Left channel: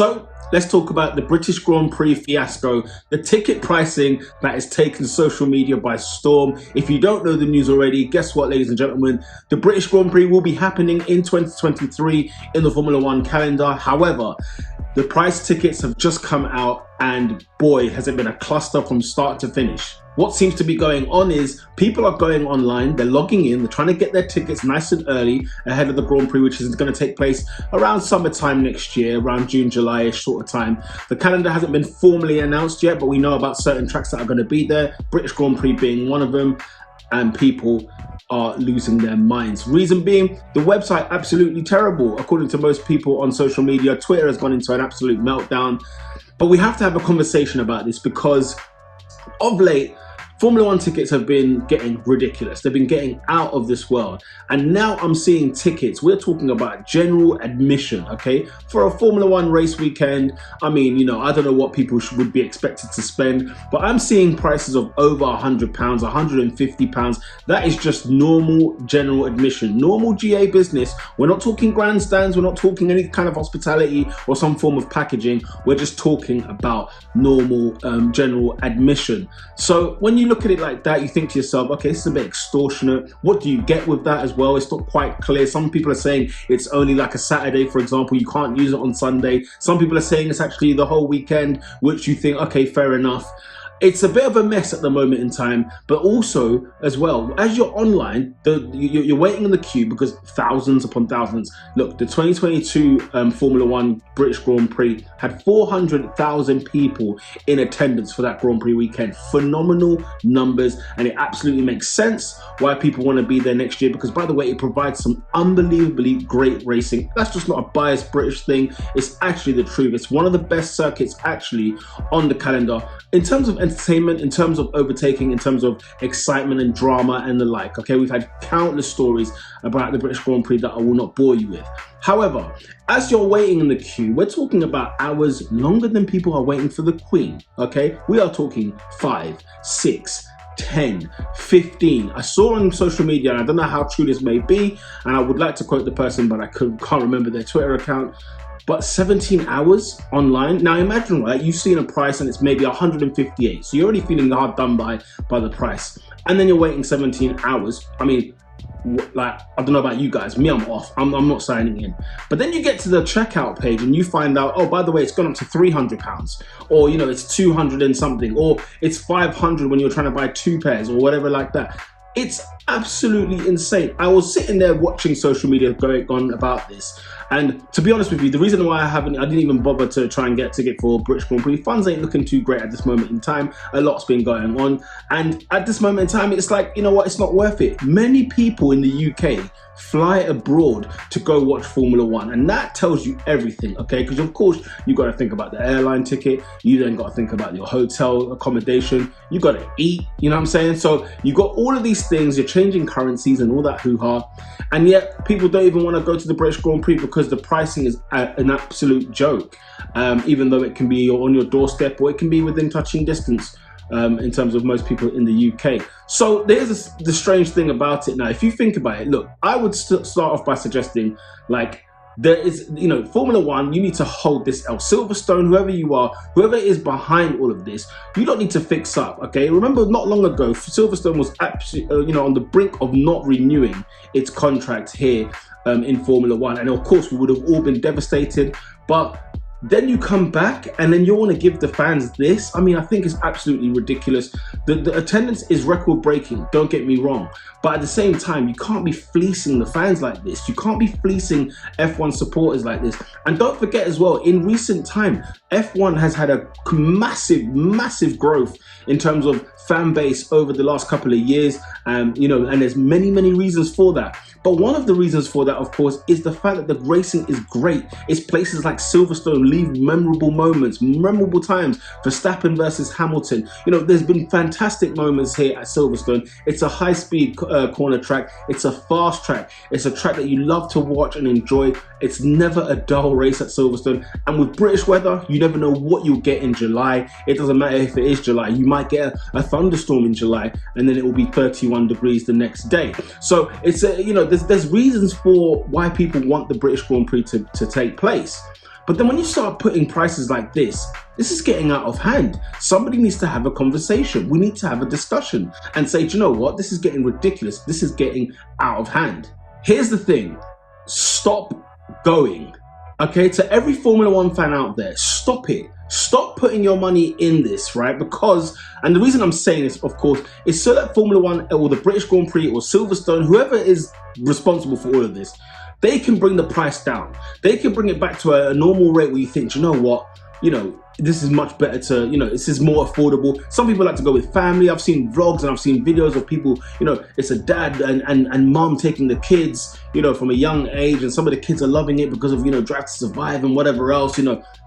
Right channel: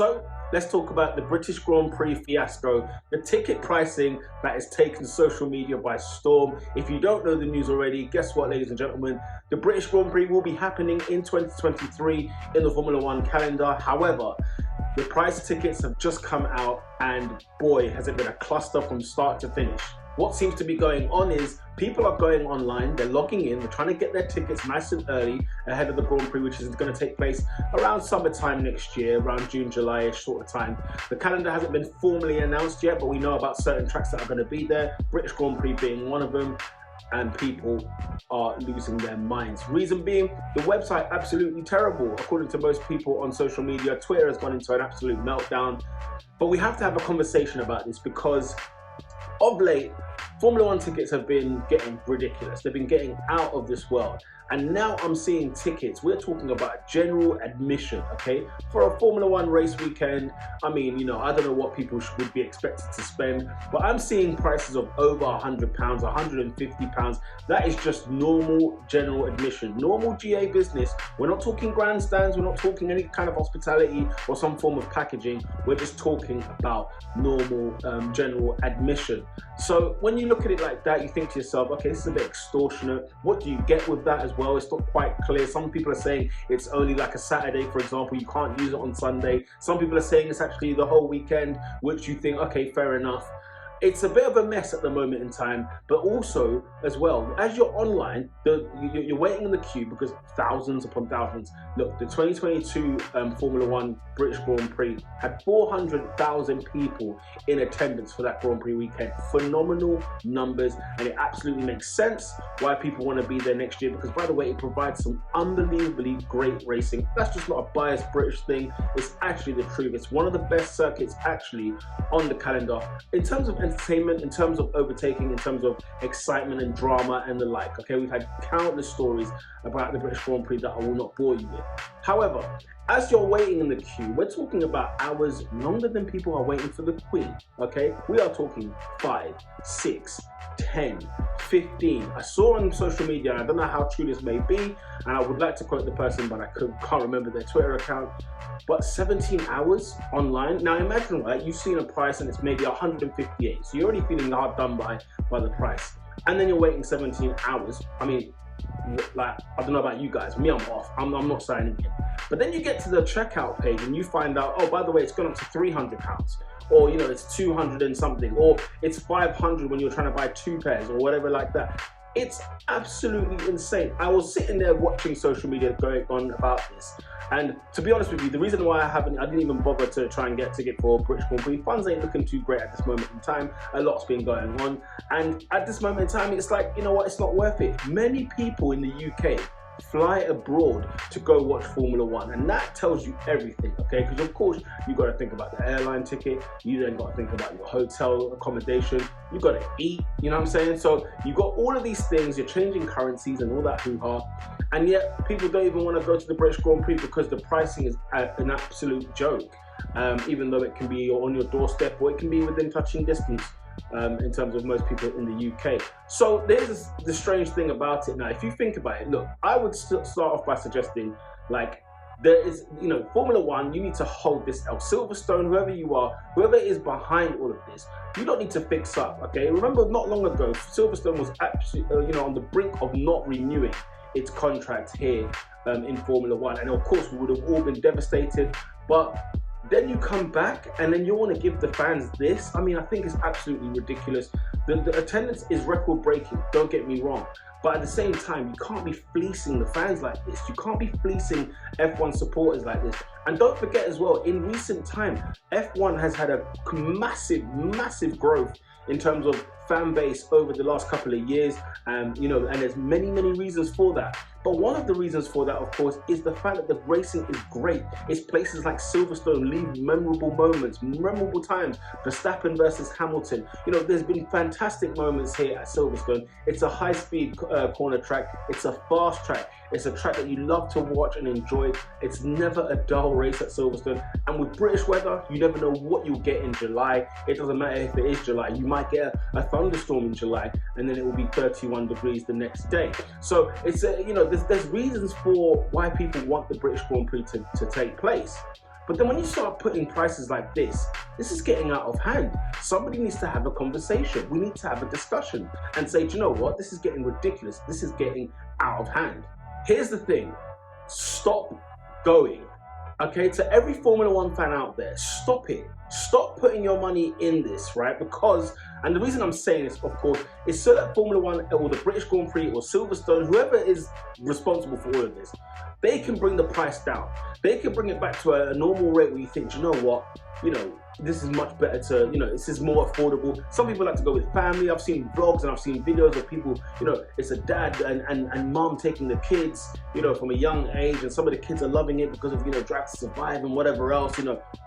So let's talk about the British Grand Prix fiasco, the ticket pricing that has taken social media by storm. If you don't know the news already, guess what, ladies and gentlemen? The British Grand Prix will be happening in 2023 in the Formula One calendar. However, the price tickets have just come out and boy, has it been a cluster from start to finish. What seems to be going on is people are going online, they're logging in, they're trying to get their tickets nice and early ahead of the Grand Prix, which is going to take place around summertime next year, around June, July-ish sort of time. The calendar hasn't been formally announced yet, but we know about certain tracks that are going to be there, British Grand Prix being one of them, and people are losing their minds. Reason being, the website absolutely terrible. According to most people on social media, Twitter has gone into an absolute meltdown. But we have to have a conversation about this because of late, Formula One tickets have been getting ridiculous. They've been getting out of this world. And now I'm seeing tickets, we're talking about general admission, okay? For a Formula One race weekend, I mean, you know, I don't know what people would be expected to spend, but I'm seeing prices of over £100, £150. That is just normal general admission, normal GA business. We're not talking grandstands, we're not talking any kind of hospitality or some form of packaging. We're just talking about normal general admission. So when you look at it like that, you think to yourself, okay, this is a bit extortionate. What do you get with that as well? It's not quite clear. Some people are saying it's only like a Saturday, for example. You can't use it on Sunday. Some people are saying it's actually the whole weekend, which you think, okay, fair enough. It's a bit of a mess at the moment in time, but also as well, as you're online, you're waiting in the queue because thousands upon thousands. Look, the 2022 Formula One British Grand Prix had 400,000 people in attendance for that Grand Prix weekend. Phenomenal numbers, and it absolutely makes sense why people want to be there next year because, by the way, it provides some unbelievably great racing. That's just not a biased British thing. It's actually the truth. It's one of the best circuits actually on the calendar in terms of entertainment, in terms of overtaking, in terms of excitement and drama and the like. Okay, we've had countless stories about the British Grand Prix that I will not bore you with. However, as you're waiting in the queue, we're talking about hours longer than people are waiting for the Queen. Okay, we are talking 5, 6, 10, 15. I saw on social media, and I don't know how true this may be, and I would like to quote the person, but I can't remember their Twitter account, but 17 hours online. Now imagine, right, you've seen a price and it's maybe 158, so you're already feeling hard done by the price, and then you're waiting 17 hours. I mean, like, I don't know about you guys, me, I'm off. I'm not signing in. But then you get to the checkout page and you find out, oh, by the way, it's gone up to £300, or, you know, it's 200 and something, or it's 500 when you're trying to buy 2 pairs or whatever like that. It's absolutely insane. I was sitting there watching social media going on about this, and to be honest with you, the reason why I didn't even bother to try and get a ticket for British Grand Prix, funds ain't looking too great at this moment in time. A lot's been going on, and at this moment in time, it's like, you know what, it's not worth it. Many people in the UK fly abroad to go watch Formula One, and that tells you everything, okay? Because of course you got to think about the airline ticket, you then got to think about your hotel accommodation, you got to eat, you know what I'm saying? So you got all of these things, you're changing currencies and all that hoo-ha, and yet people don't even want to go to the British Grand Prix because the pricing is an absolute joke, even though it can be on your doorstep or it can be within touching distance. In terms of most people in the UK. So there's the strange thing about it now. If you think about it, look, I would start off by suggesting, like, there is, you know, Formula One, you need to hold this L. Silverstone, whoever you are, whoever is behind all of this, you don't need to fix up, okay? Remember, not long ago, Silverstone was absolutely, you know, on the brink of not renewing its contract here in Formula One. And of course, we would have all been devastated, but then you come back and then you want to give the fans this. I mean, I think it's absolutely ridiculous. The attendance is record breaking, don't get me wrong. But at the same time, you can't be fleecing the fans like this. You can't be fleecing F1 supporters like this. And don't forget as well, in recent time, F1 has had a massive growth in terms of fan base over the last couple of years. You know, and there's many reasons for that. But one of the reasons for that, of course, is the fact that the racing is great. It's places like Silverstone leave memorable moments, memorable times. Verstappen versus Hamilton. You know, there's been fantastic moments here at Silverstone. It's a high-speed corner track. It's a fast track. It's a track that you love to watch and enjoy. It's never a dull race at Silverstone. And with British weather, you never know what you'll get in July. It doesn't matter if it is July. You might get a thunderstorm in July, and then it will be 31 degrees the next day. So it's you know, there's reasons for why people want the British Grand Prix to take place. But then when you start putting prices like this is getting out of hand. Somebody needs to have a conversation. We need to have a discussion and say, do you know what? This is getting ridiculous. This is getting out of hand. Here's the thing. Stop going. Okay, to every Formula One fan out there, stop it. Stop putting your money in this, right? Because, and the reason I'm saying this, of course, is so that Formula One or the British Grand Prix or Silverstone, whoever is responsible for all of this, they can bring the price down. They can bring it back to a normal rate where you think, you know what, this is much better to, this is more affordable. Some people like to go with family. I've seen vlogs and I've seen videos of people, it's a dad and mom taking the kids, from a young age, and some of the kids are loving it because of, Drive to Survive and whatever else,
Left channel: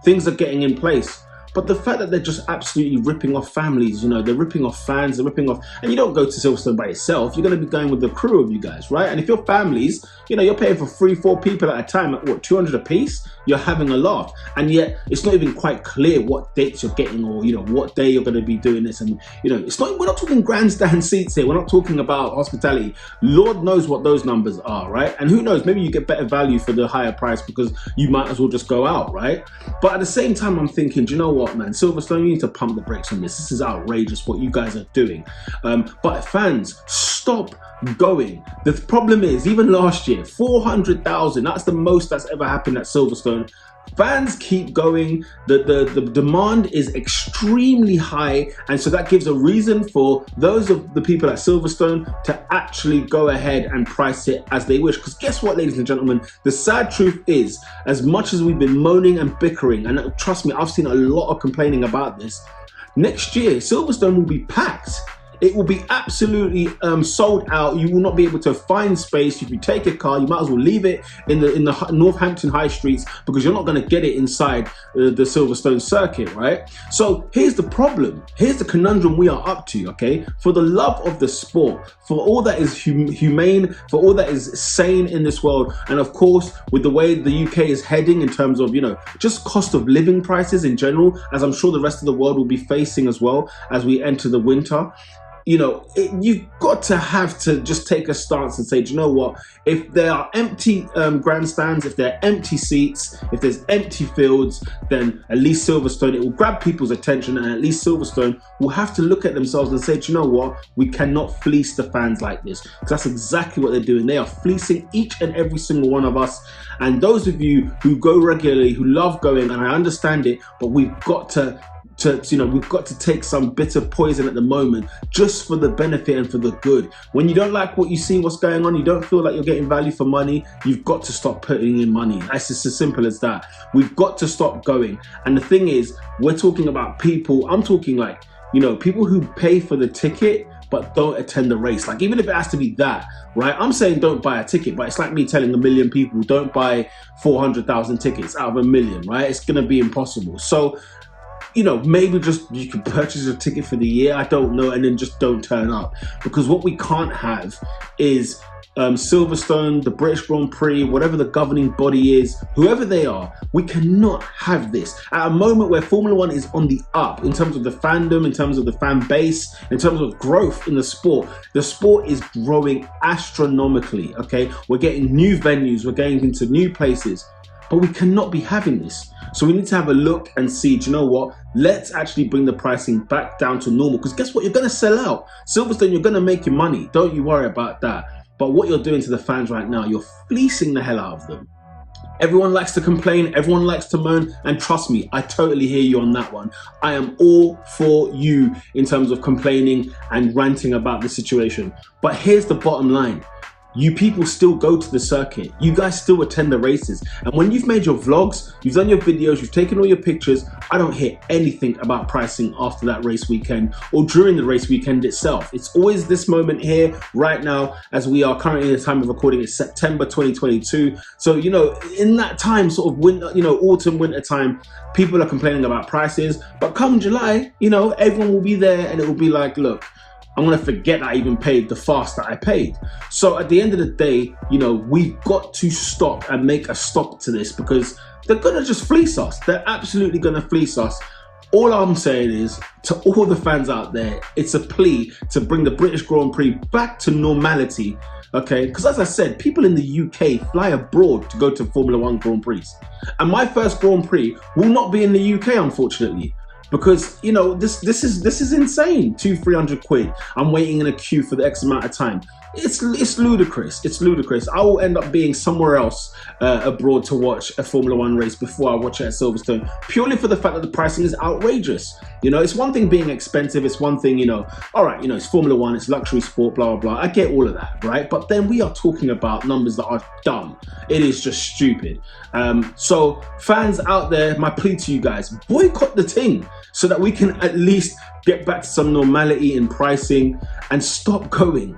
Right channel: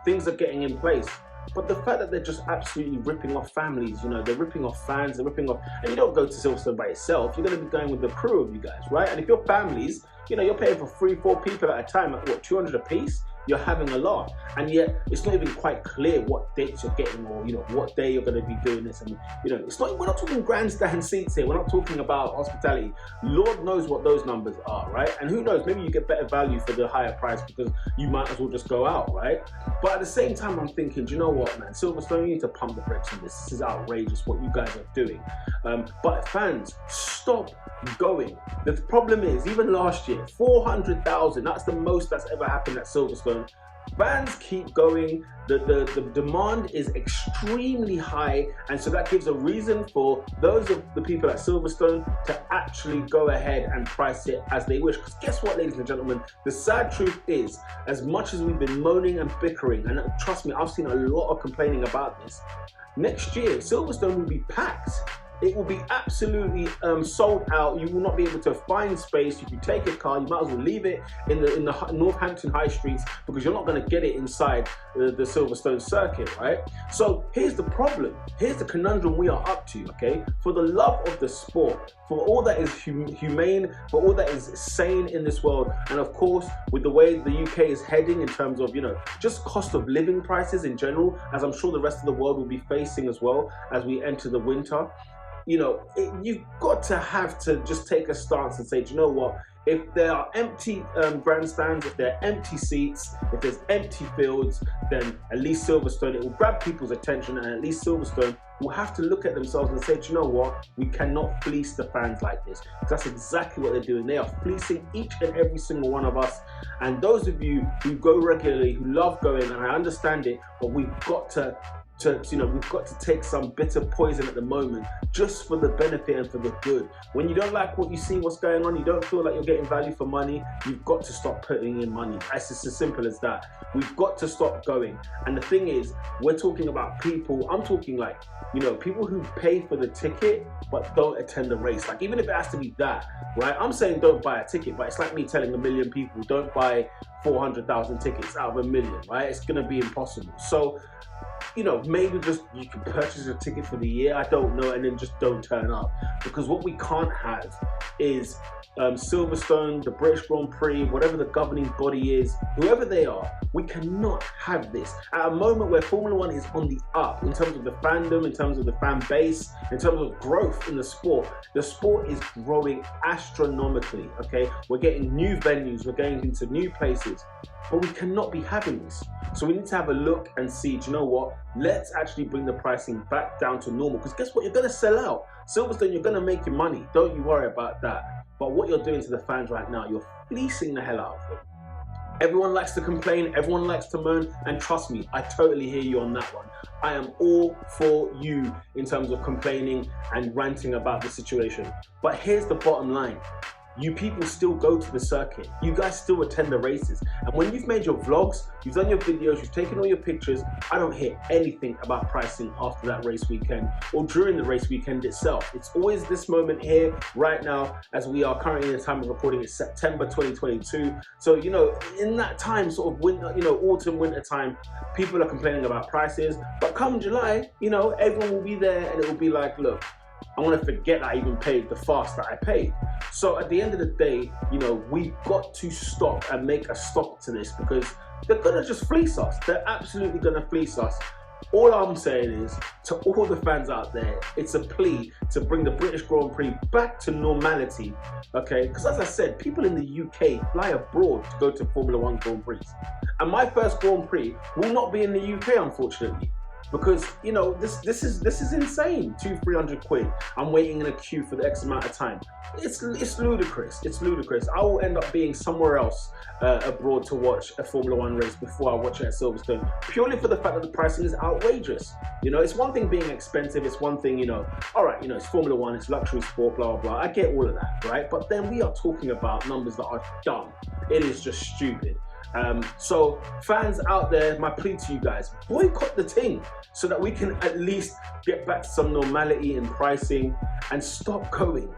things are getting in place. But the fact that they're just absolutely ripping off families, they're ripping off fans, they're ripping off, and you don't go to Silverstone by yourself, you're going to be going with the crew of you guys, right? And if your families, you're paying for 3-4 people at a time at what, 200 a piece, you're having a laugh. And yet it's not even quite clear what dates you're getting or, what day you're going to be doing this. And, we're not talking grandstand seats here. We're not talking about hospitality. Lord knows what those numbers are, right? And who knows, maybe you get better value for the higher price because you might as well just go out, right? But at the same time, I'm thinking, do you know what, man? Silverstone, you need to pump the brakes on this. This is outrageous what you guys are doing. But fans, stop going. The problem is, even last year, 400,000, that's the most that's ever happened at Silverstone. Fans keep going, the demand is extremely high, and so that gives a reason for those of the people at Silverstone to actually go ahead and price it as they wish. Because guess what, ladies and gentlemen, the sad truth is, as much as we've been moaning and bickering, and trust me, I've seen a lot of complaining about this, next year Silverstone will be packed. It will be absolutely sold out. You will not be able to find space. If you take a car, you might as well leave it in the Northampton high streets because you're not going to get it inside the Silverstone circuit, right? So here's the problem. Here's the conundrum we are up to, okay? For the love of the sport, for all that is humane, for all that is sane in this world, and of course, with the way the UK is heading in terms of, just cost of living prices in general, as I'm sure the rest of the world will be facing as well as we enter the winter. You've got to have to just take a stance and say, do you know what? If there are empty grandstands, if there are empty seats, if there's empty fields, then at least Silverstone, it will grab people's attention, and at least Silverstone will have to look at themselves and say, do you know what? We cannot fleece the fans like this. Because that's exactly what they're doing. They are fleecing each and every single one of us. And those of you who go regularly, who love going, and I understand it, but we've got to we've got to take some bitter poison at the moment just for the benefit and for the good. When you don't like what you see, what's going on, you don't feel like you're getting value for money, you've got to stop putting in money. It's just as simple as that. We've got to stop going. And the thing is, we're talking about people, I'm talking like, people who pay for the ticket but don't attend the race. Like, even if it has to be that, right? I'm saying don't buy a ticket, but it's like me telling 1 million people don't buy 400,000 tickets out of 1 million, right? It's gonna be impossible. So, maybe just you can purchase a ticket for the year, I don't know, and then just don't turn up. Because what we can't have is Silverstone, the British Grand Prix, whatever the governing body is, whoever they are, we cannot have this. At a moment where Formula One is on the up in terms of the fandom, in terms of the fan base, in terms of growth in the sport is growing astronomically, okay? We're getting new venues, we're getting into new places, but we cannot be having this. So we need to have a look and see, do you know what? Let's actually bring the pricing back down to normal, because guess what? You're going to sell out. Silverstone, you're going to make your money. Don't you worry about that. But what you're doing to the fans right now, you're fleecing the hell out of them. Everyone likes to complain, everyone likes to moan, and trust me, I totally hear you on that one. I am all for you in terms of complaining and ranting about the situation. But here's the bottom line. You people still go to the circuit. You guys still attend the races. And when you've made your vlogs, you've done your videos, you've taken all your pictures, I don't hear anything about pricing after that race weekend or during the race weekend itself. It's always this moment here, right now, as we are currently in the time of recording, it's September 2022. So, in that time, sort of winter, autumn, winter time, people are complaining about prices. But come July, everyone will be there and it will be like, look, I'm gonna forget I even paid the fast that I paid. So at the end of the day, we've got to stop and make a stop to this, because they're gonna just fleece us. They're absolutely gonna fleece us. All I'm saying is, to all the fans out there, it's a plea to bring the British Grand Prix back to normality. Okay, because as I said, people in the UK fly abroad to go to Formula One Grand Prix, and my first Grand Prix will not be in the UK, unfortunately, because you know this is insane. 200-300 quid. I'm waiting in a queue for the X amount of time. It's ludicrous. It's ludicrous. I will end up being somewhere else abroad to watch a Formula One race before I watch it at Silverstone, purely for the fact that the pricing is outrageous. You know, it's one thing being expensive. It's one thing, you know, all right, you know, it's Formula One, it's luxury sport, blah, blah, blah. I get all of that, right? But then we are talking about numbers that are dumb. It is just stupid. So fans out there, my plea to you guys, boycott the thing so that we can at least get back to some normality in pricing and stop going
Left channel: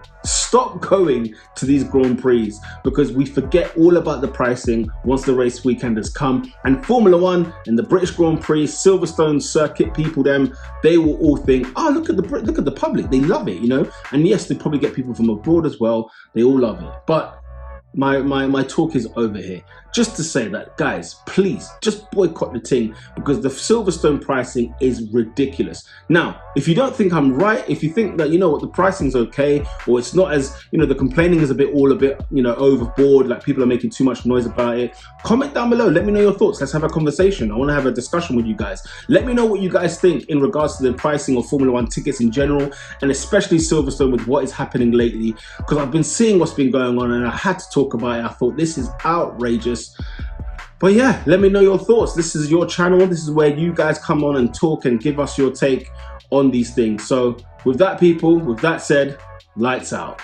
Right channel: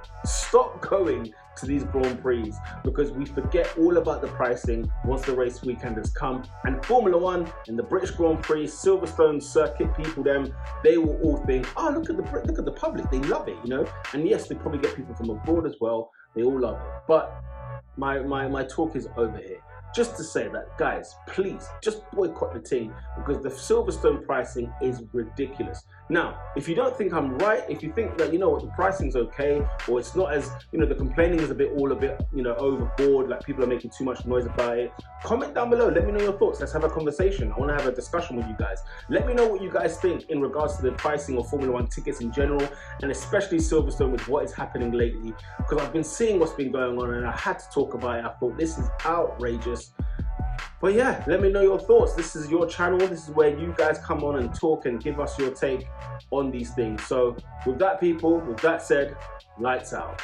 to these Grand Prix, because we forget all about the pricing once the race weekend has come. And Formula One and the British Grand Prix, Silverstone circuit people, they will all think, oh, look at the public, they love it, you know. And yes, they probably get people from abroad as well, they all love it. But my talk is over here. Just to say that, guys, please just boycott the thing, because the Silverstone pricing is ridiculous. Now, if you don't think I'm right, if you think that, you know what, the pricing's okay, or it's not as, you know, the complaining is a bit, you know, overboard, like people are making too much noise about it, comment down below. Let me know your thoughts. Let's have a conversation. I want to have a discussion with you guys. Let me know what you guys think in regards to the pricing of Formula One tickets in general, and especially Silverstone with what is happening lately, because I've been seeing what's been going on and I had to talk about it. I thought this is outrageous. But yeah, let me know your thoughts. This is your channel. This is where you guys come on and talk and give us your take on these things. So with that, people, with that said, lights out.